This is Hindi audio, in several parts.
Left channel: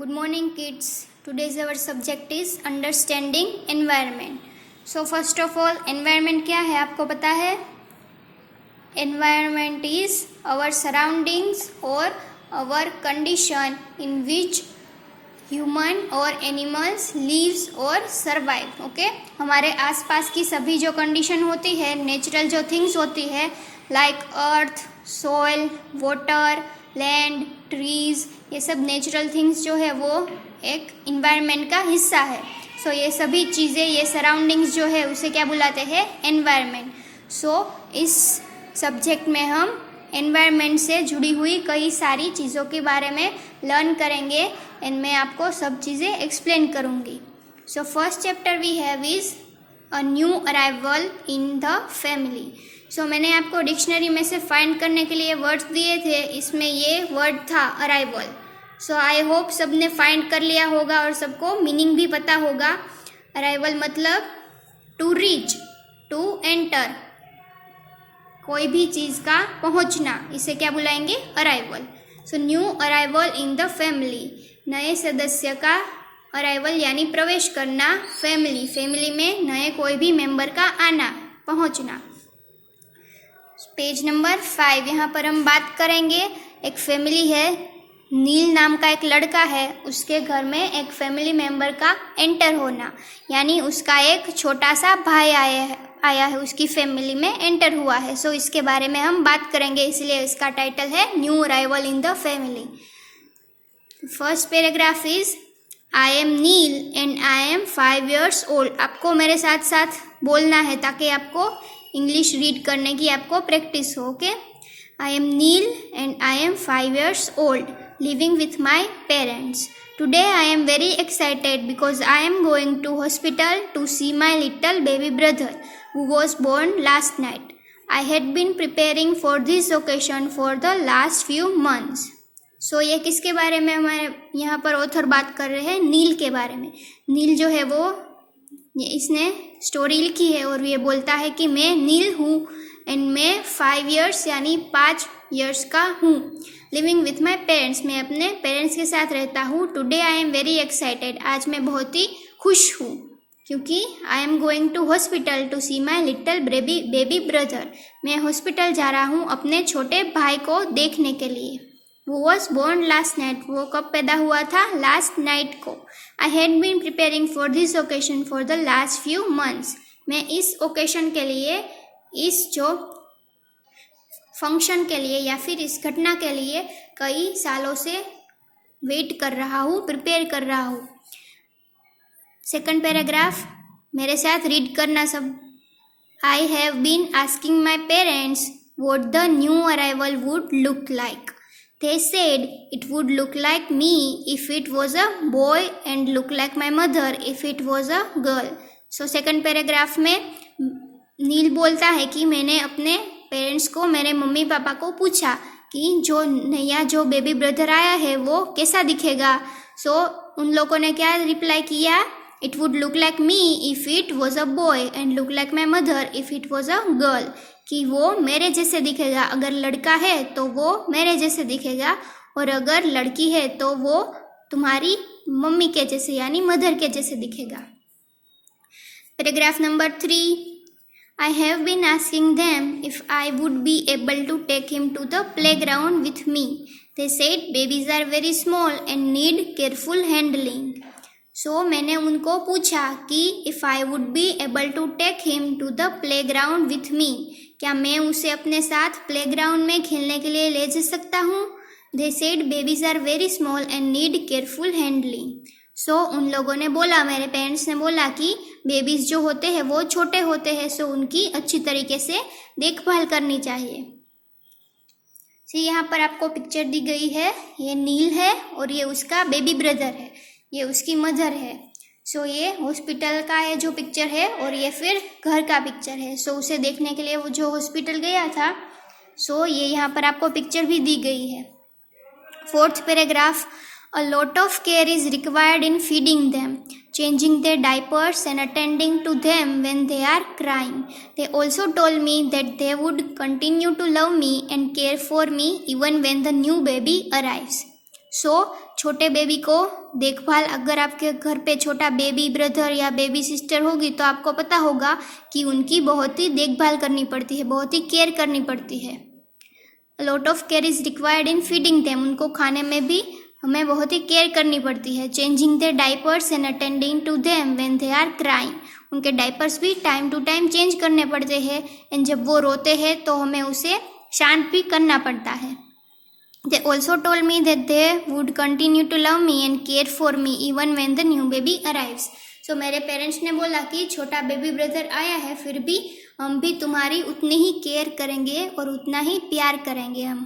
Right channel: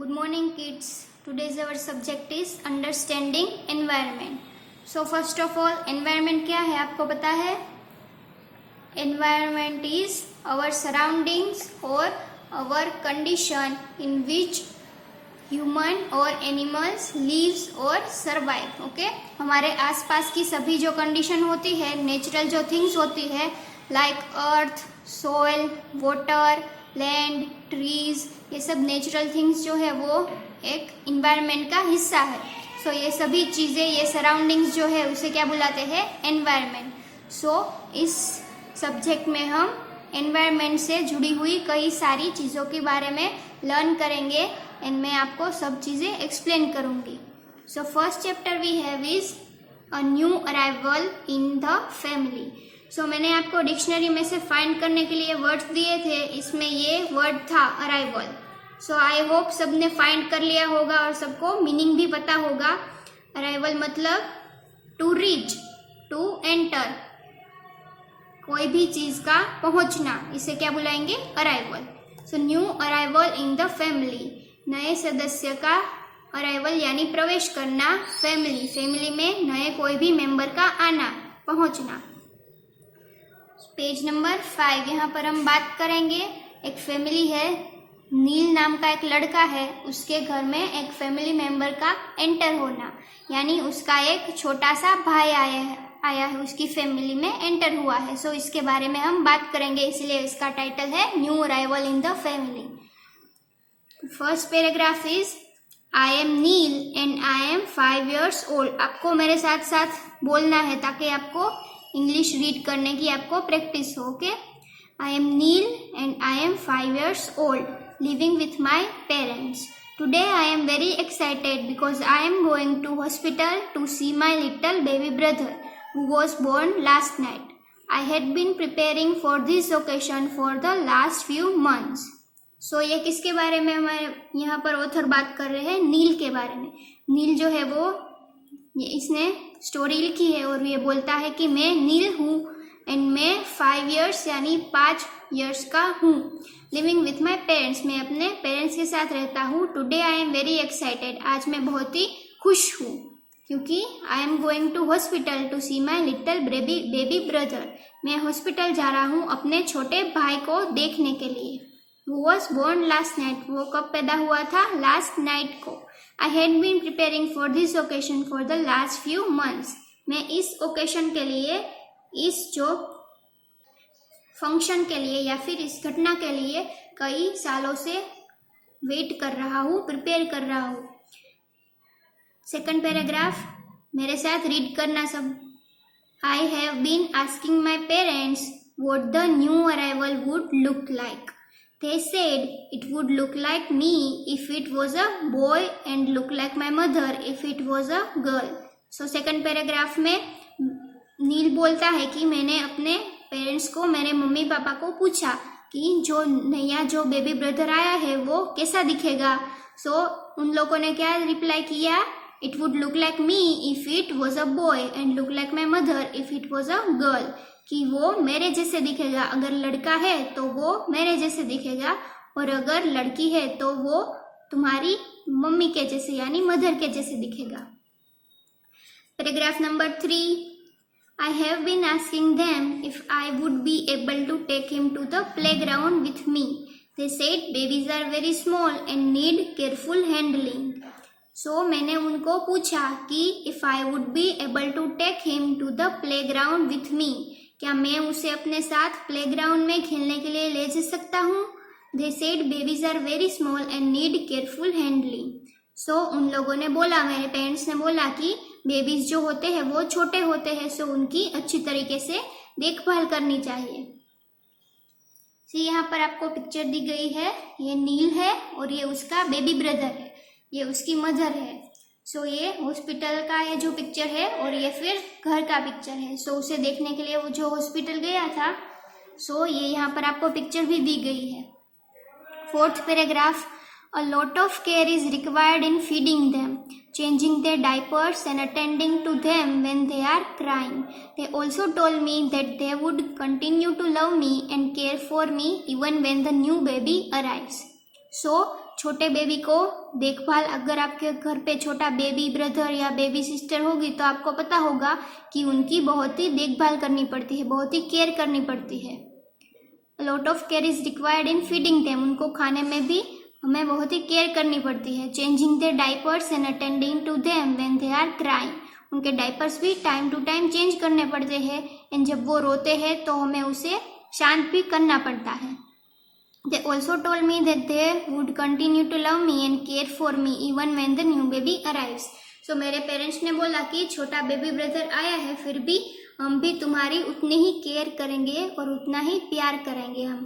Good morning, kids. Today's our subject is understanding environment. So first of all, environment क्या है आपको पता है? Environment is our surroundings or our condition in which human or animals lives or survive. Okay? हमारे आसपास की सभी जो कंडीशन होती है, नेचुरल जो थिंग्स होती है, like earth, soil, water, land, trees, ये सब नेचुरल थिंग्स जो है वो एक इन्वायरमेंट का हिस्सा है. सो ये सभी चीज़ें, ये सराउंडिंग्स जो है उसे क्या बुलाते हैं? एनवायरमेंट. सो इस सब्जेक्ट में हम एनवायरमेंट से जुड़ी हुई कई सारी चीज़ों के बारे में लर्न करेंगे एंड मैं आपको सब चीज़ें एक्सप्लेन करूँगी. So first chapter we have is a new arrival in the family. So मैंने आपको डिक्शनरी में से फाइंड करने के लिए वर्ड्स दिए थे, इसमें ये वर्ड था अराइवल. सो आई होप सबने फाइंड कर लिया होगा और सबको मीनिंग भी पता होगा. अराइवल मतलब टू रीच, टू एंटर, कोई भी चीज़ का पहुंचना, इसे क्या बुलाएंगे? Arrival. So new arrival in the family, नए सदस्य का अराइवल यानी प्रवेश करना. फैमिली में नए कोई भी मेंबर का आना, पहुंचना. पेज नंबर 5, यहाँ पर हम बात करेंगे. एक फैमिली है, नील नाम का एक लड़का है, उसके घर में एक फैमिली मेंबर का एंटर होना, यानी उसका एक छोटा सा भाई आया है उसकी फैमिली में एंटर हुआ है. सो इसके बारे में हम बात करेंगे, इसलिए इसका टाइटल है new arrival in the family. First paragraph is I am Neel and I am 5 years old. आपको मेरे साथ साथ बोलना है ताकि आपको इंग्लिश रीड करने की आपको प्रैक्टिस हो. Okay? I am Neel and I am 5 years old, living with my parents. Today I am very excited because I am going to hospital to see my little baby brother who was born last night. I had been preparing for this occasion for the last few months. So ये किसके बारे में हमारे यहाँ पर ऑथर बात कर रहे हैं? नील के बारे में. नील जो है वो इसने स्टोरी लिखी है और ये बोलता है कि मैं नील हूँ एंड मैं 5 years यानी 5 years का हूँ. लिविंग विथ माई पेरेंट्स, मैं अपने पेरेंट्स के साथ रहता हूँ. Today I am very excited, आज मैं बहुत ही खुश हूँ क्योंकि I am going to hospital to see my little baby brother. मैं हॉस्पिटल जा रहा हूँ अपने छोटे भाई को देखने के लिए. वो वॉज बोर्न लास्ट नाइट, वो कब पैदा हुआ था? लास्ट नाइट को. I had been preparing for this occasion for the last few months. मैं इस ओकेशन के लिए, इस जो फंक्शन के लिए या फिर इस घटना के लिए कई सालों से वेट कर रहा हूँ, प्रिपेयर कर रहा हूँ. सेकंड पैराग्राफ मेरे साथ रीड करना सब. I have been asking my parents what the new arrival would look like. They said it would look like me if it was a boy and look like my mother if it was a girl. So second paragraph में नील बोलता है कि मैंने अपने पेरेंट्स को, मेरे मम्मी पापा को पूछा कि जो नया जो बेबी ब्रदर आया है वो कैसा दिखेगा. सो उन लोगों ने क्या रिप्लाई किया? It would look like me if it was a boy and look like my mother if it was a girl. कि वो मेरे जैसे दिखेगा, अगर लड़का है तो वो मेरे जैसे दिखेगा और अगर लड़की है तो वो तुम्हारी मम्मी के जैसे यानी मदर के जैसे दिखेगा. Paragraph number 3, I have been asking them if I would be able to take him to the playground with me. They said babies are very small and need careful handling. So मैंने उनको पूछा कि if I would be able to take him to the playground with me, क्या मैं उसे अपने साथ प्लेग्राउंड में खेलने के लिए ले जा सकता हूँ? They said babies are very small and need careful handling. सो उन लोगों ने बोला, मेरे पेरेंट्स ने बोला कि बेबीज जो होते हैं वो छोटे होते हैं, सो उनकी अच्छी तरीके से देखभाल करनी चाहिए. सी यहाँ पर आपको पिक्चर दी गई है, ये नील है और ये उसका बेबी ब्रदर है, ये उसकी मदर है. सो ये हॉस्पिटल का है जो पिक्चर है और ये फिर घर का पिक्चर है. सो उसे देखने के लिए वो जो हॉस्पिटल गया था, सो ये यहाँ पर आपको पिक्चर भी दी गई है. Fourth paragraph, a lot of care is required in feeding them, changing their diapers and attending to them when they are crying. They also told me that they would continue to love me and care for me even when the new baby arrives. सो छोटे बेबी को देखभाल, अगर आपके घर पे छोटा बेबी ब्रदर या बेबी सिस्टर होगी तो आपको पता होगा कि उनकी बहुत ही देखभाल करनी पड़ती है, बहुत ही केयर करनी पड़ती है। Lot of care is required in feeding them, उनको खाने में भी हमें बहुत ही केयर करनी पड़ती है। Changing their diapers and attending to them when they are crying, उनके डाइपर्स भी टाइम टू टाइम चेंज करने पड़ते हैं एंड जब वो रोते हैं तो हमें उसे शांत भी करना पड़ता है। They also told me that they would continue to love me and care for me even when the new baby arrives. So मेरे पेरेंट्स ने बोला कि छोटा बेबी ब्रदर आया है फिर भी हम भी तुम्हारी उतनी ही केयर करेंगे और उतना ही प्यार करेंगे हम।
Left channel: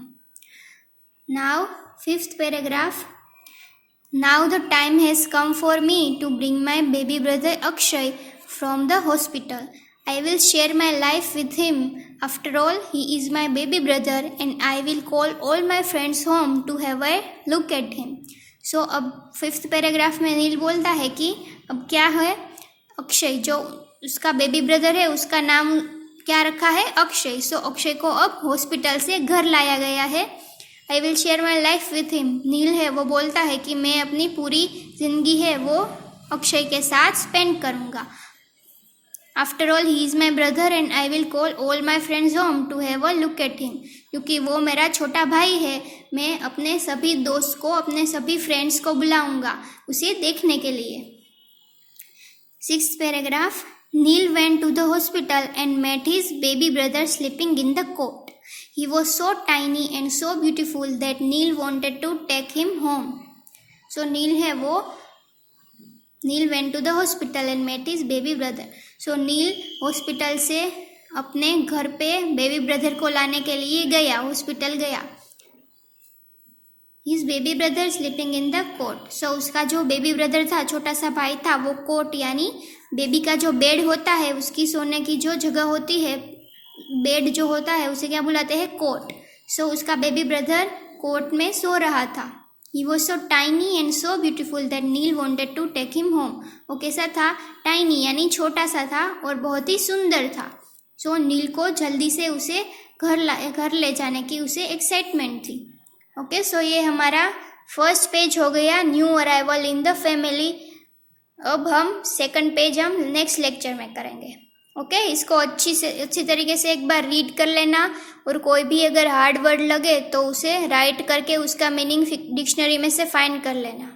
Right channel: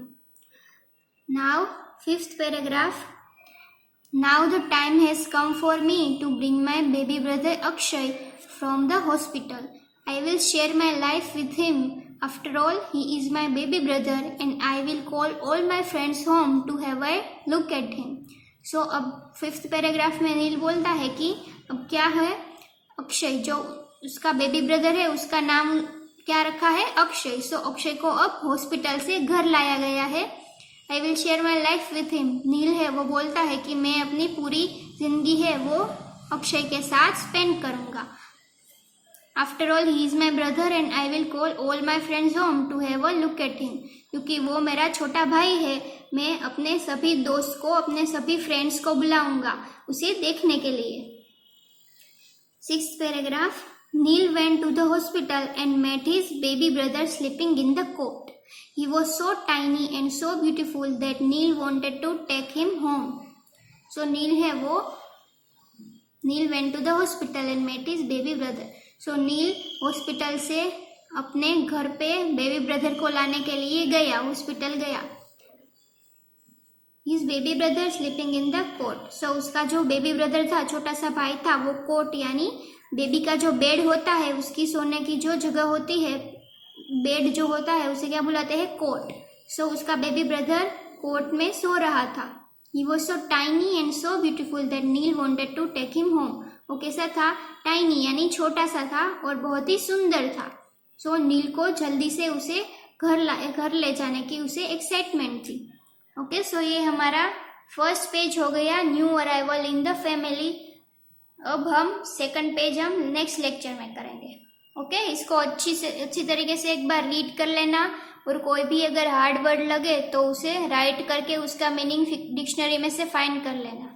Now 5th paragraph. Now the time has come for me to bring my baby brother Akshay from the hospital. I will share my life with him. After all, he is my baby brother and I will call all my friends home to have a look at him. So अब 5th पैराग्राफ में नील बोलता है कि अब क्या है, अक्षय जो उसका बेबी ब्रदर है उसका नाम क्या रखा है, अक्षय। सो अक्षय को अब हॉस्पिटल से घर लाया गया है। I will share my life with him, Neel है वो बोलता है कि मैं अपनी पूरी जिंदगी है वो अक्षय के साथ स्पेंड करूँगा। After all he is my brother and I will call all my friends home to have a look at him, क्योंकि वो मेरा छोटा भाई है मैं अपने सभी दोस्त को, अपने सभी फ्रेंड्स को बुलाऊंगा उसे देखने के लिए। 6th paragraph. Neil went to the hospital and met his baby brother sleeping in the cot. He was so tiny and so beautiful that Neil wanted to take him home. So Neil है वो, Neil went to the hospital and met his baby brother. So Neil hospital से अपने घर पे बेबी ब्रदर को लाने के लिए गया, हॉस्पिटल गया। His baby brother sleeping in the cot. So उसका जो बेबी ब्रदर था, छोटा सा भाई था, वो कोट यानी बेबी का जो बेड होता है, उसकी सोने की जो जगह होती है, बेड जो होता है उसे क्या बुलाते हैं, कोट। सो उसका बेबी ब्रदर कोट में सो रहा था। He was so tiny and so beautiful that Neil wanted to take him home. वो कैसा था, टाइनी यानी छोटा सा था और बहुत ही सुंदर था। सो नील को जल्दी से उसे घर ले जाने की उसे एक्साइटमेंट थी। ओके, सो ये हमारा फर्स्ट पेज हो गया, new arrival in the family. अब हम सेकंड पेज हम नेक्स्ट लेक्चर में करेंगे। ओके, इसको अच्छी तरीके से एक बार रीड कर लेना और कोई भी अगर हार्ड वर्ड लगे तो उसे राइट करके उसका मीनिंग डिक्शनरी में से फाइंड कर लेना।